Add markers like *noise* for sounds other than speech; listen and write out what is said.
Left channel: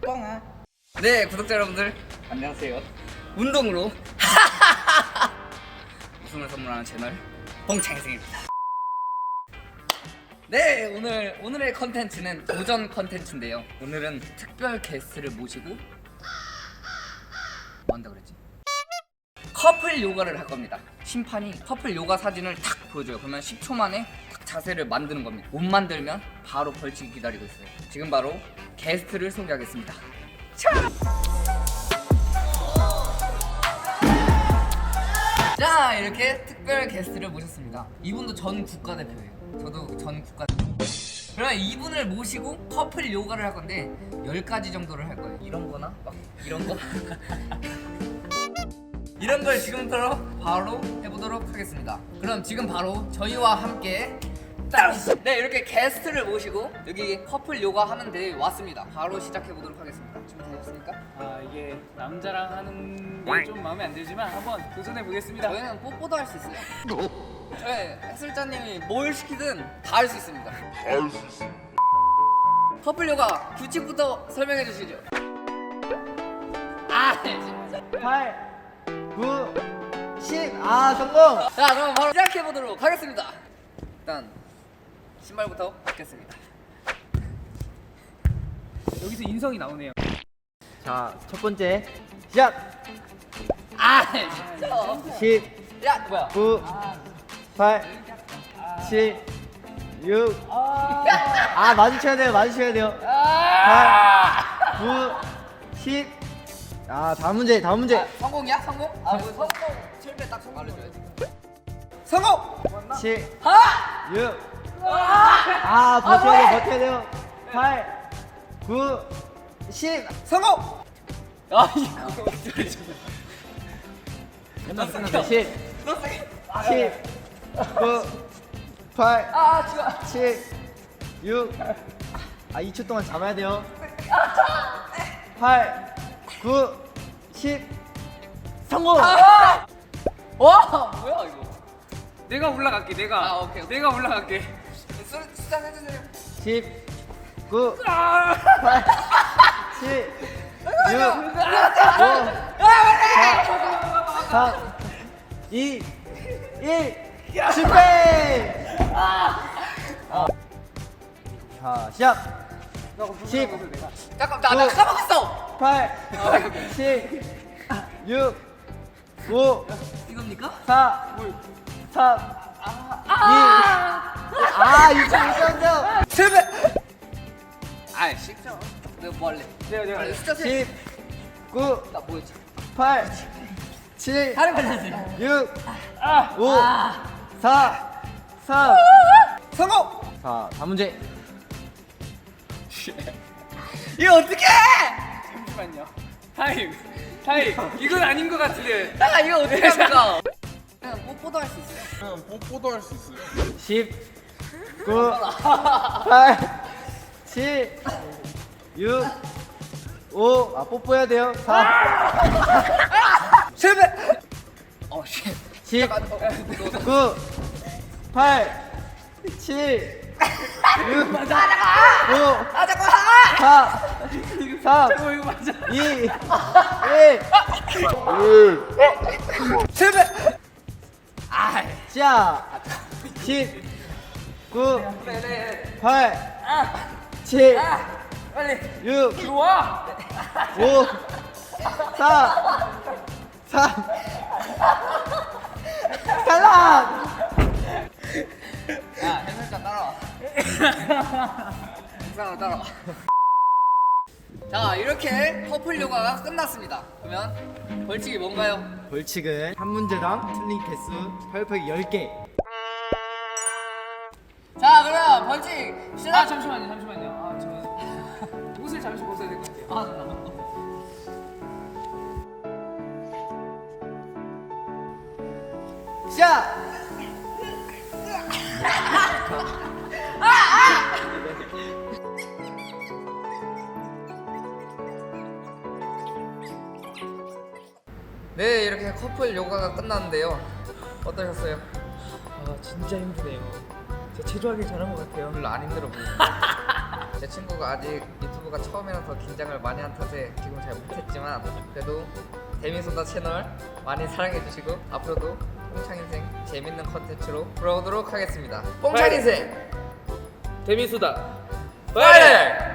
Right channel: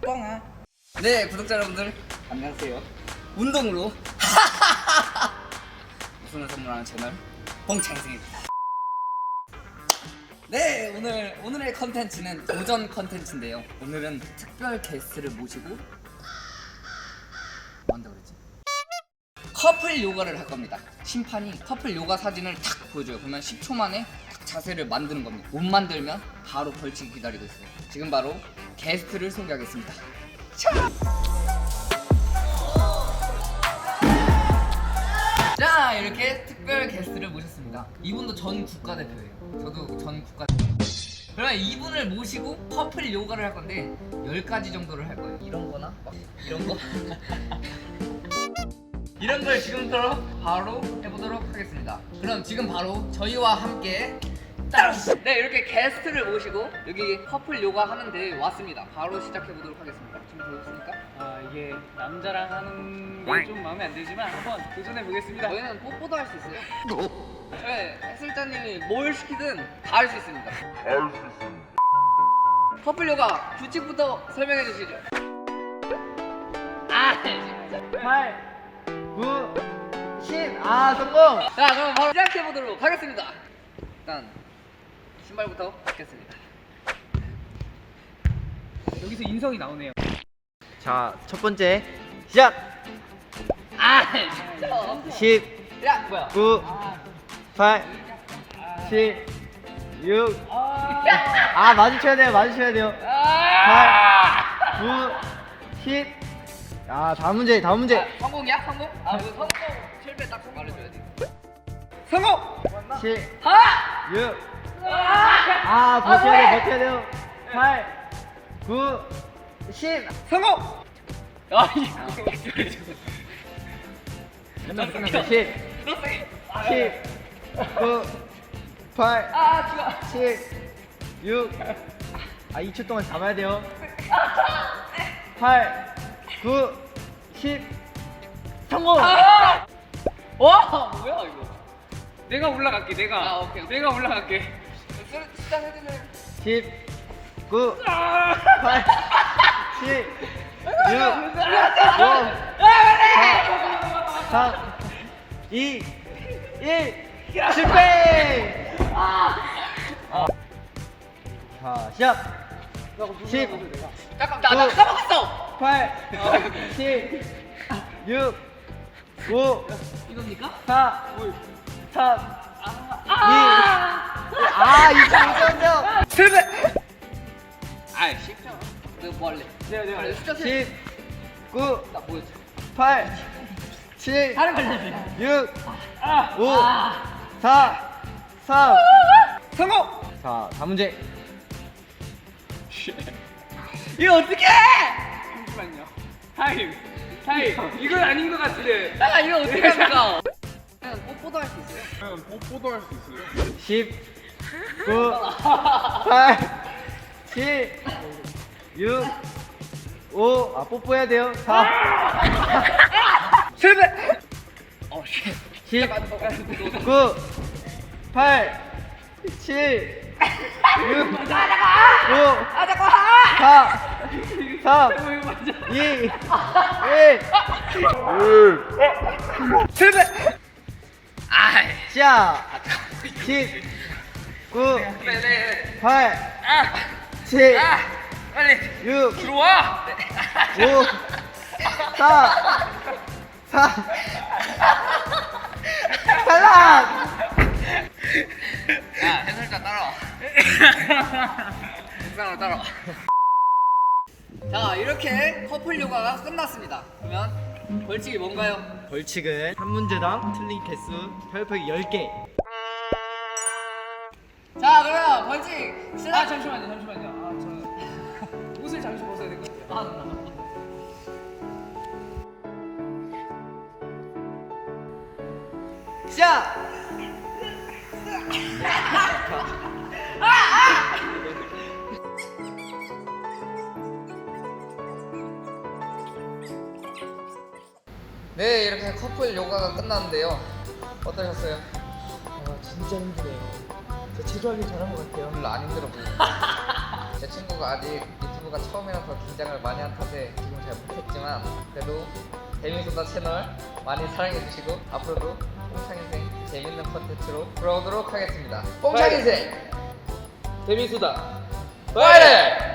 뻥아. 네, 구독자 여러분들 안녕하세요. 운동으로 *laughs* 웃음을 선물하는 채널 봉창승입니다. 네, 오늘 오늘의 컨텐츠는 도전 컨텐츠인데요. 오늘은 특별 게스트를 모시고 뭐 한다 그랬지? 커플 요가를 할 겁니다. 심판이 커플 요가 사진을 탁 보여줘요. 그러면 10초 만에 딱 자세를 만드는 겁니다. 못 만들면 바로 벌칙이 기다리고 있어요. 지금 바로 게스트를 소개하겠습니다. 자 이렇게 특별 게스트를 모셨습니다. 이분도 전 국가대표예요. 저도 전 국가. 그러면 이분을 모시고 커플 요가를 할 건데 10가지 정도를 할 거예요. 이런 거나 막 이런 거. *laughs* 이런 걸 지금부터 바로 해보도록 하겠습니다. 그럼 지금 바로 저희와 함께 네 이렇게 게스트를 모시고 여기 커플 요가 하는데 왔습니다. 바로 시작해 보도록 하겠습니다. 준비되셨습니까? 아 이게 남자랑 하는 게 좀 마음에 안 들지만 한번 도전해 보겠습니다. 저희는 뽀뽀도 할 수 있어요. 네, 해설자님이 뭘 시키든 다 할 수 있습니다. 커플 요가 규칙부터 설명해 주시죠. 아, 8, 9, 10. 아 성공. 자 그럼 바로 시작해 보도록 하겠습니다. 일단 신발부터 벗겠습니다. 여기서 인성이 나오네요. 자, 첫 번째 시작. 아, 10, 야 뭐야? 9, 8, 7, 6. 아, 마주쳐야 돼요. 마주쳐야 돼요. 8, 9, 10. 아, 다음 문제, 다음 문제. 아, 성공이야? 성공? 아, 뭐 성공 7배 딱 성공 알려줘야지. 성공! 7, 아! 6. 아, 버텨야 돼요. 버텨야 돼요. 8, 9, 10. 성공! 아 이거. 끝났습니다. 10, 10, 9, 8, 아, 지금 7, 6. 아, 2초 동안 잡아야 돼요. 8, 9, 10. 성공! 와, 뭐야 이거? 내가 올라갈게. 내가. 아, 오케이, 오케이. 내가 올라갈게. 술 시작 해주세요. 10, 9, 아! 8, 7, 6, 5, 아, 4, 2, 1. 실패! 자, 시작! 10, 잠깐 나, 나 까먹었어. 8, 7, 6, 5, 이겁니까? 4, 3, 2, 아, 이거 있었는데요. 실패. 아, 쉽죠. 내가 뭐 할래? 내가 내가. 빨리 숫자 세. 10, 9, 나 뭐였지? 8, 7, 다른 걸로 6, 아. 5, 4, 3. 성공. 자, 다음 문제. *laughs* 이거 어떻게? 잠시만요. 타임. 타임. 이건 아닌 것 같은데. 아, 이거 어떻게 *laughs* 합니까? 그냥 뽀뽀도 할 수 있어요. 그냥 뽀뽀도 할 수 있어요. 10, 9, 8, 7, 6, 5. 아, 뽀뽀해야 돼요. 4, 실패. 어, 씨. 10, 9, 8, 7, 6, 5, 아, 잠깐. 4, 3, 2, 1. 실패. 아, 시작! 10, 9, 네, 네. 8, 아, 7, 아, 빨리 6, 들어와. 5, 4, 3, 탈락! 야, 해설자 따라와. 따라와, 따라와. 자, 이렇게 커플 요가가 끝났습니다. 그러면 벌칙이 뭔가요? 벌칙은 한 문제당 틀린 개수 팔굽혀펴기 10개. 벌칙 아 시작. 잠시만요. 잠시만요. 아 저는 *laughs* 옷을 잠시 벗어야 될 것 같아요. 아, 나, 나. 시작! *laughs* 네, 이렇게 커플 요가가 끝났는데요. 어떠셨어요? 아, 진짜 힘드네요. 저 제조하기 잘한 것 같아요. 별로 안 힘들어 보이고. 제 친구가 아직 유튜브가 처음이라서 긴장을 많이 한 탓에 지금 잘 못했지만 그래도 데미소다 채널 많이 사랑해주시고 앞으로도 뽕찬인생 재밌는 컨텐츠로 돌아오도록 하겠습니다. 뽕찬인생 데미소다 파이팅!